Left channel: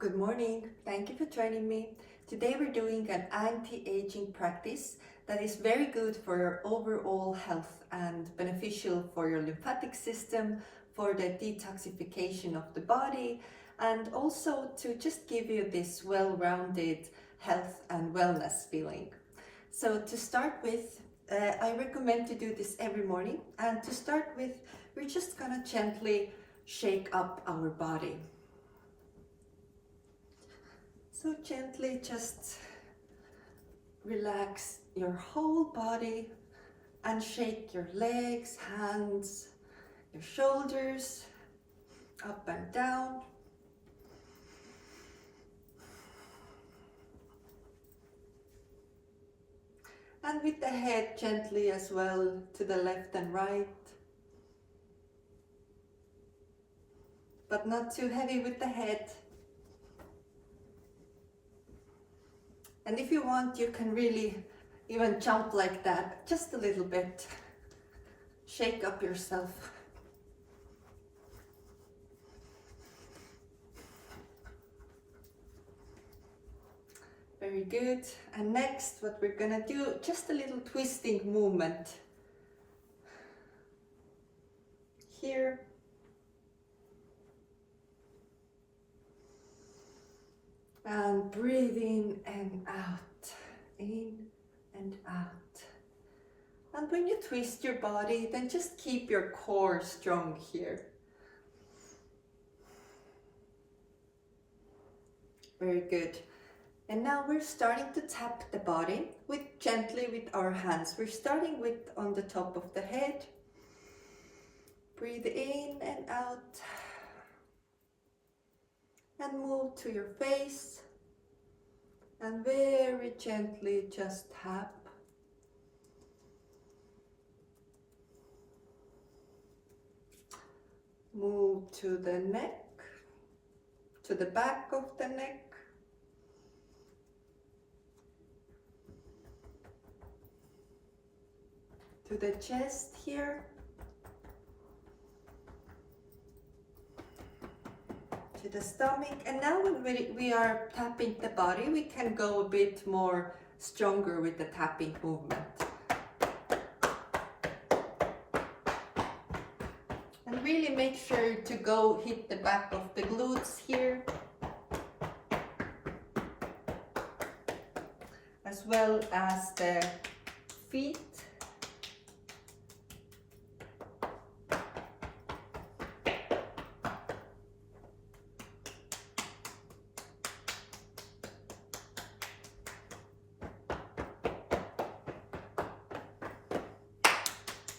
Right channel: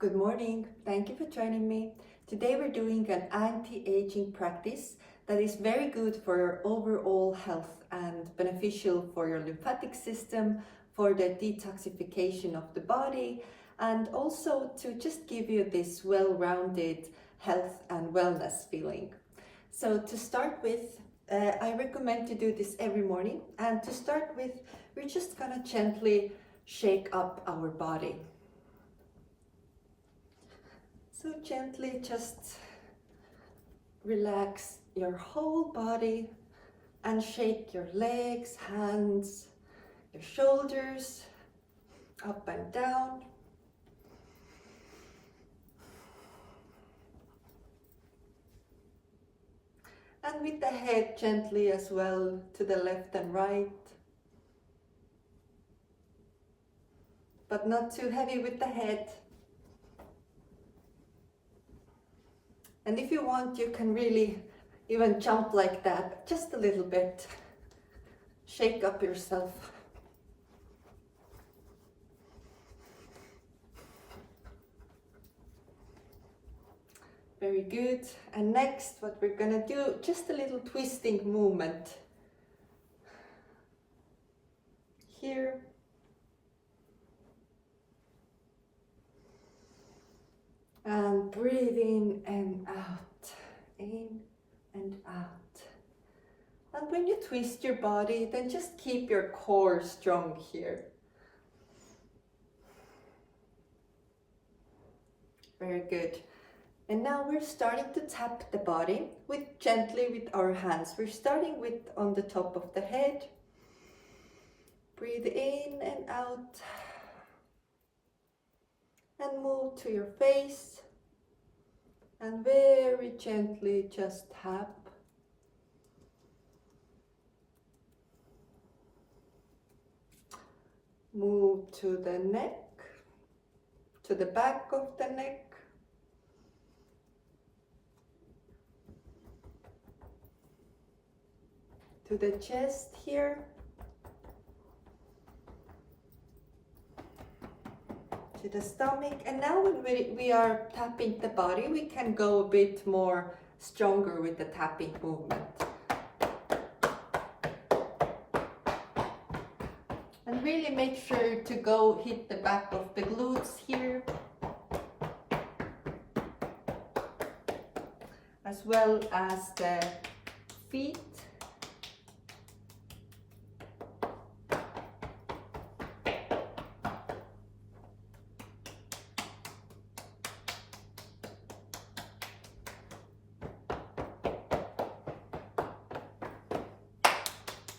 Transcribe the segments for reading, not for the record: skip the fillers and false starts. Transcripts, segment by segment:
Good morning, thank you for joining me. Today we're doing an anti-aging practice that is very good for your overall health and beneficial for your lymphatic system, for the detoxification of the body, and also to just give you this well-rounded health and wellness feeling. So to start with, I recommend to do this every morning, and to start with, we're just gonna gently shake up our body. So gently just relax your whole body and shake your legs, hands, your shoulders, up and down. And with the head gently as well to the left and right. But not too heavy with the head. And if you want, you can really even jump like that, just a little bit. Shake up yourself. Very good. And next, what we're gonna do, just a little twisting movement. Here. And breathe in and out, in and out. And when you twist your body, then just keep your core strong here. Very good. And now we're starting to tap the body gently with our hands. We're starting with on the top of the head. Breathe in and out. And move to your face. And very gently just tap. Move to the neck, to the back of the neck. To the chest here. To the stomach. And now when we are tapping the body, we can go a bit more stronger with the tapping movement. And really make sure to go hit the back of the glutes here. As well as the feet.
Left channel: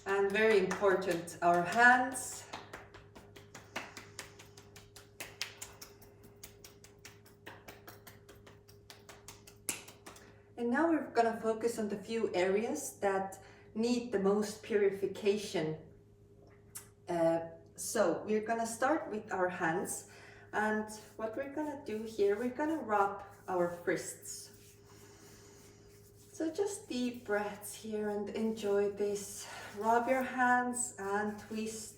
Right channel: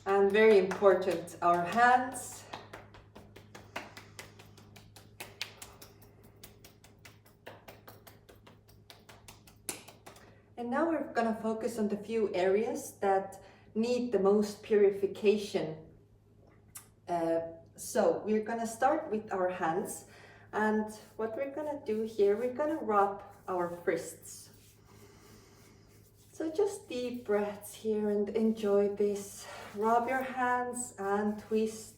And very important, our hands. And now we're gonna focus on the few areas that need the most purification. So we're gonna start with our hands. And what we're gonna do here, we're gonna rub our wrists. So just deep breaths here and enjoy this. Rub your hands and twist.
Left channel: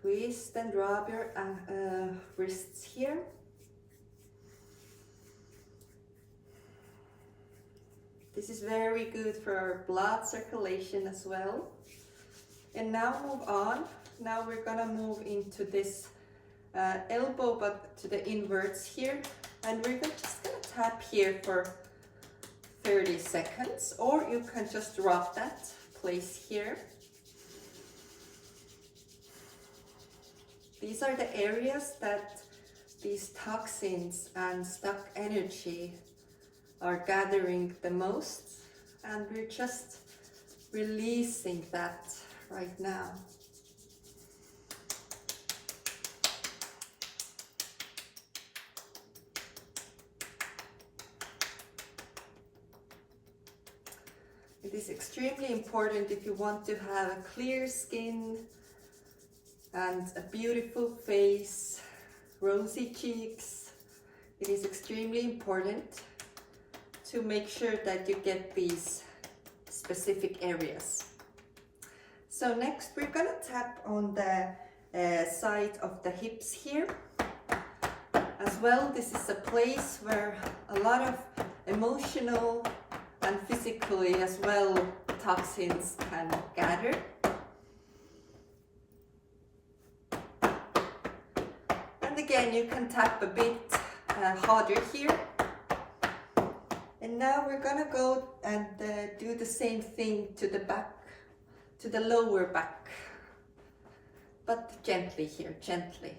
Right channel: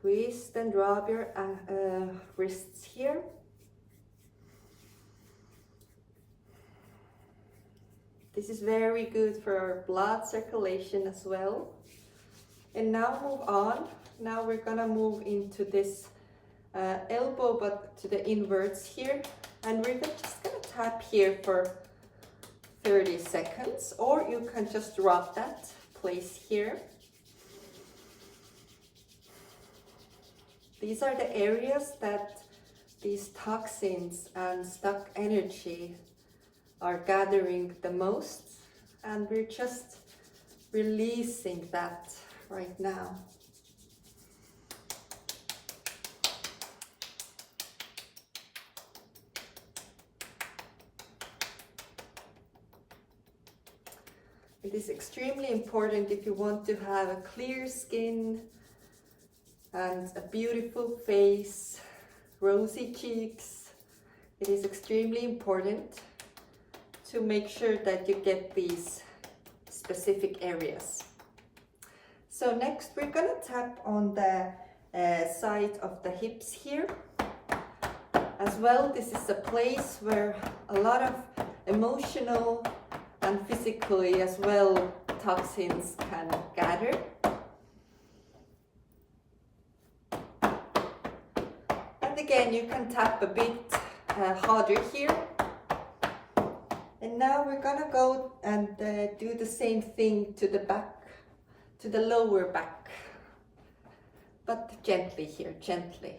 Twist and rub your wrists here. This is very good for our blood circulation as well. And now move on. Now we're gonna move into this elbow, but to the inwards here. And we're just gonna tap here for 30 seconds, or you can just rub that place here. These are the areas that these toxins and stuck energy are gathering the most, and we're just releasing that right now. It is extremely important if you want to have a clear skin and a beautiful face, rosy cheeks. It is extremely important to make sure that you get these specific areas. So next we're gonna tap on the side of the hips here. As well, this is a place where a lot of emotional and physically as well toxins can gather. And again, you can tap a bit harder here. And now we're gonna go and do the same thing to the back, to the lower back, but gently here, gently.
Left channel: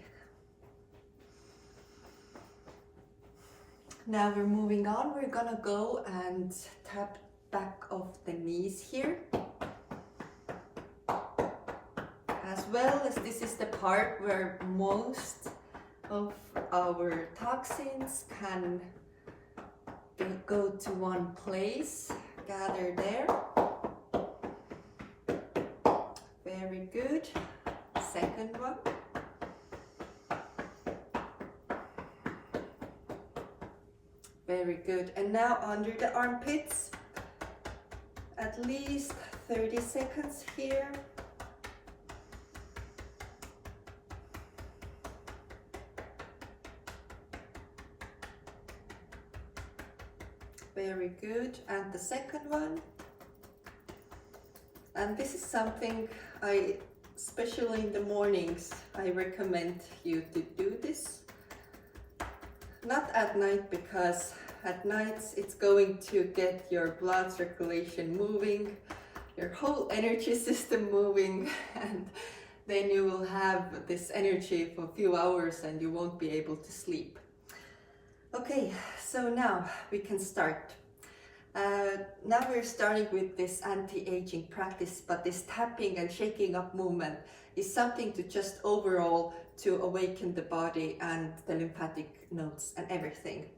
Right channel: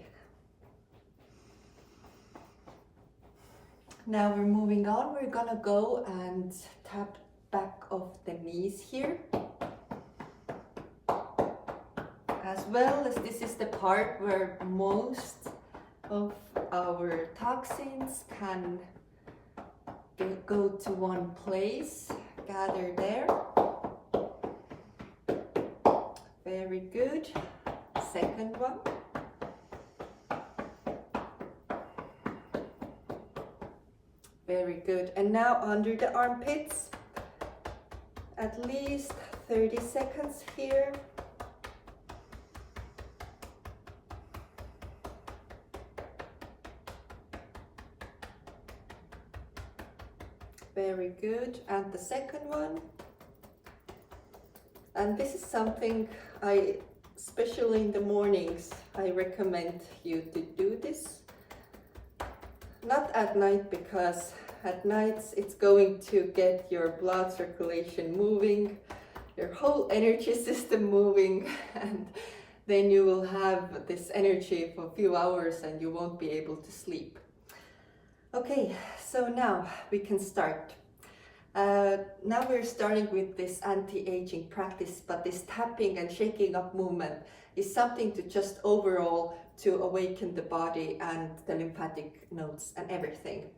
Now we're moving on, we're gonna go and tap back of the knees here. As well as this is the part where most of our toxins can go to one place, gather there. Very good. Second one. Very good. And now under the armpits, at least 30 seconds here. Very good. And the second one. And this is something especially in the mornings, I recommend you to do this. Not at night, because at nights it's going to get your blood circulation moving, your whole energy system moving, and then you will have this energy for a few hours and you won't be able to sleep. Okay, so now we can start. Now we're starting with this anti-aging practice, but this tapping and shaking up movement is something to just overall to awaken the body and the lymphatic nodes and everything.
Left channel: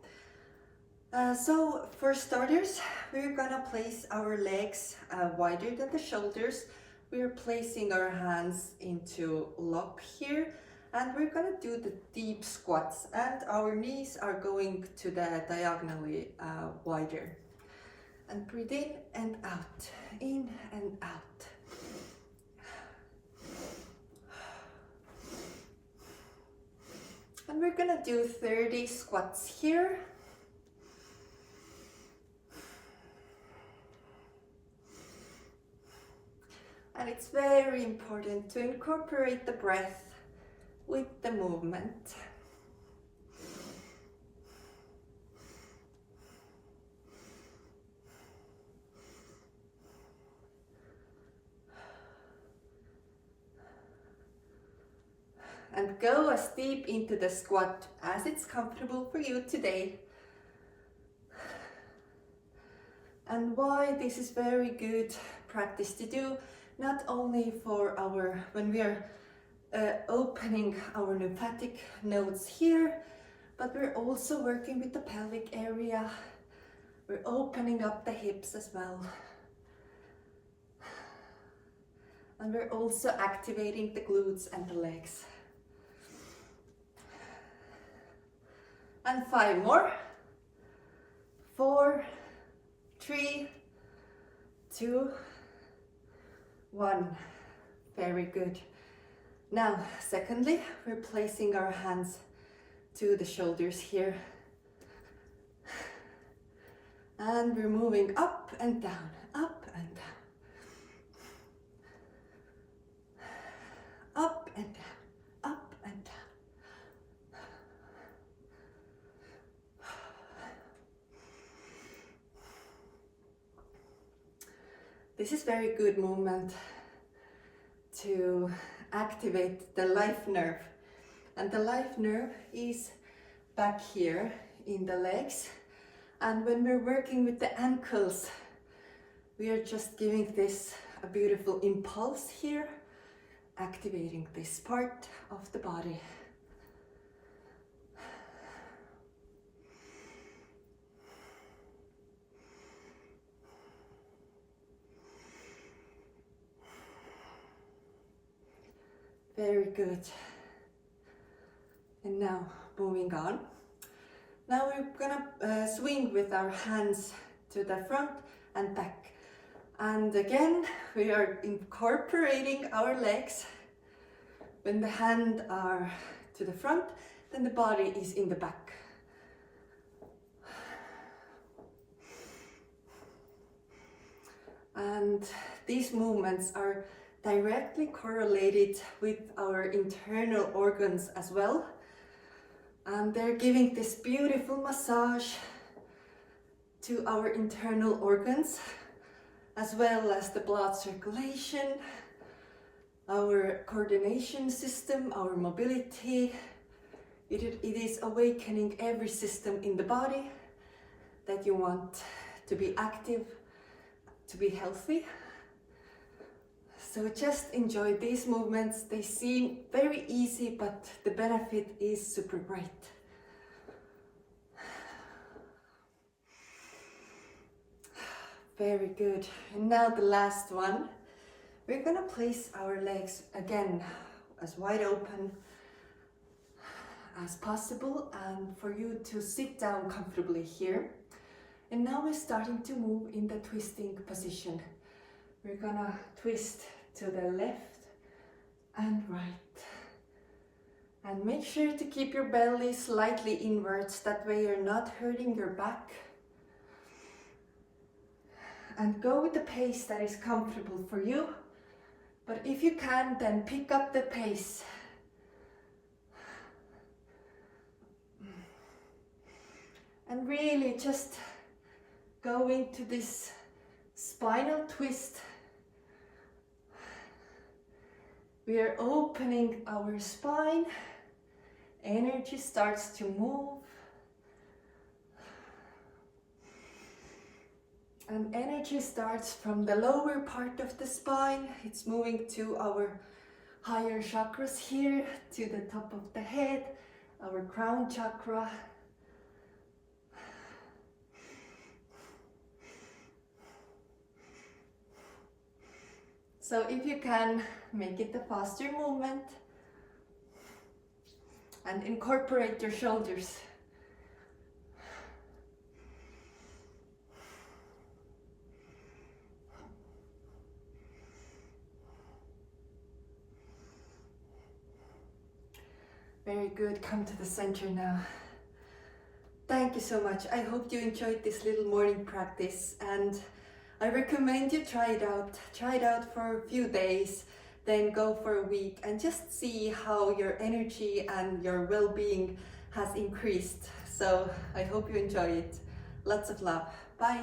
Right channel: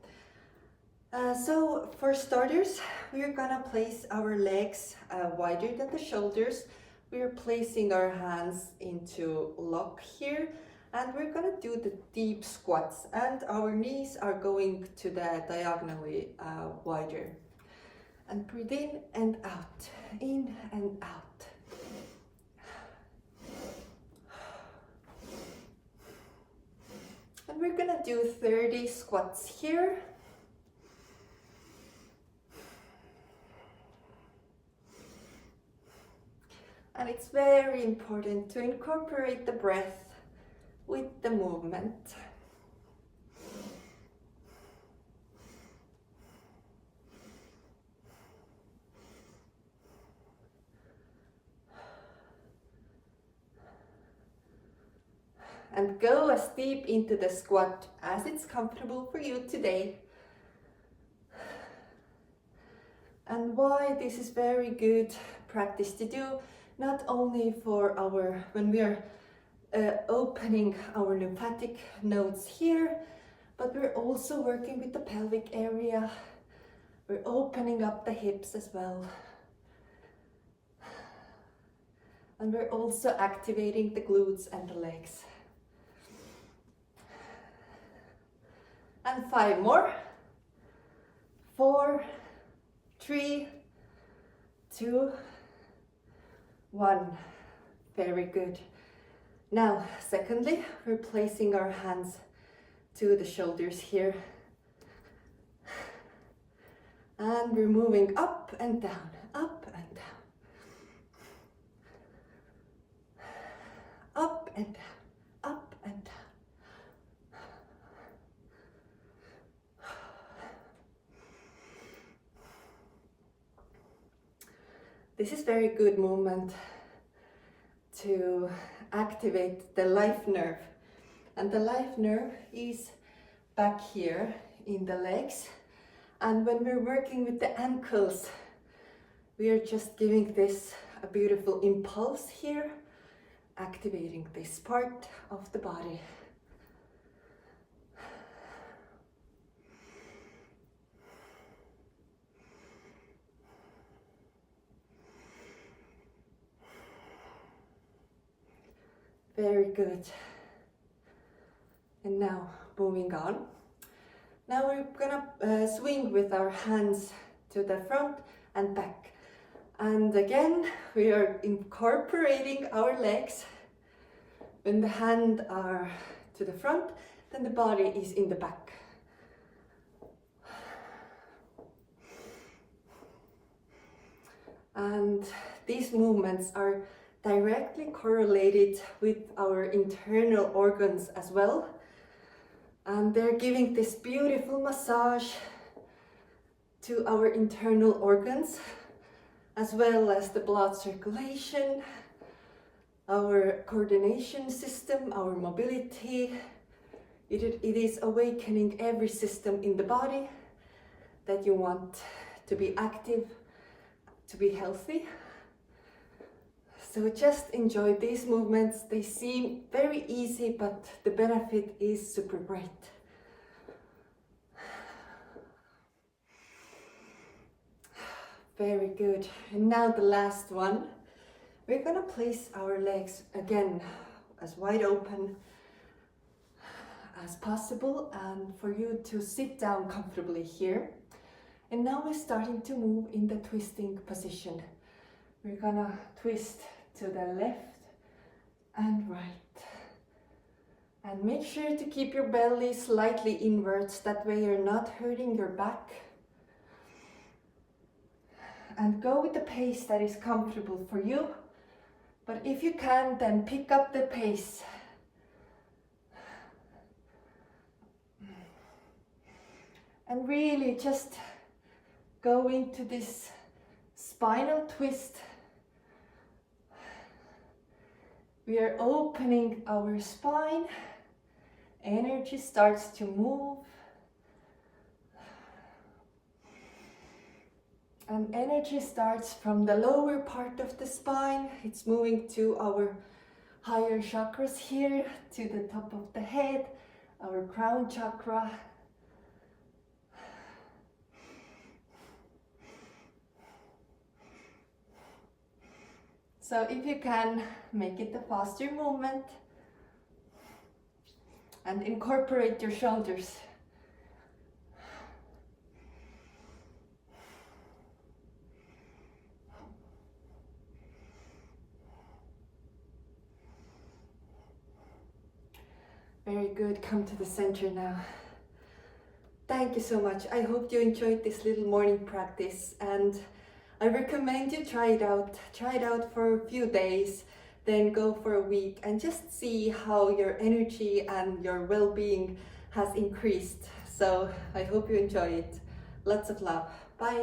So for starters, we're gonna place our legs wider than the shoulders. We're placing our hands into lock here, and we're gonna do the deep squats, and our knees are going to the diagonally wider. And breathe in and out. And we're gonna do 30 squats here. And it's very important to incorporate the breath with the movement. And go as deep into the squat as it's comfortable for you today. And why this is very good practice to do, not only for when we are opening our lymphatic nodes here, but we're also working with the pelvic area. We're opening up the hips as well. And we're also activating the glutes and the legs. And 5 more. 4, 3, 2, 1. Very good. Now, secondly, we're placing our hands to the shoulders here. And we're moving up and down, up and down. Up and down, up and down. This is very good movement to activate the life nerve. And the life nerve is back here in the legs. And when we're working with the ankles, we are just giving this a beautiful impulse here, activating this part of the body. Very good. And now moving on. Now we're gonna swing with our hands to the front and back. And again, we are incorporating our legs. When the hands are to the front, then the body is in the back. And these movements are directly correlated with our internal organs as well. And they're giving this beautiful massage to our internal organs, as well as the blood circulation, our coordination system, our mobility. It is awakening every system in the body that you want to be active, to be healthy. So just enjoy these movements. They seem very easy, but the benefit is super great. Very good. And now the last one. We're gonna place our legs again as wide open as possible, and for you to sit down comfortably here. And now we're starting to move in the twisting position. We're gonna twist to the left and right. And make sure to keep your belly slightly inwards, that way you're not hurting your back. And go with the pace that is comfortable for you. But if you can, then pick up the pace. And really just go into this spinal twist. We are opening our spine. Energy starts to move. And energy starts from the lower part of the spine. It's moving to our higher chakras here, to the top of the head, our crown chakra. So if you can, make it a faster movement and incorporate your shoulders. Very good. Come to the center now. Thank you so much. I hope you enjoyed this little morning practice, and I recommend you try it out. Try it out for a few days, then go for a week and just see how your energy and your well-being has increased. So I hope you enjoy it. Lots of love. Bye.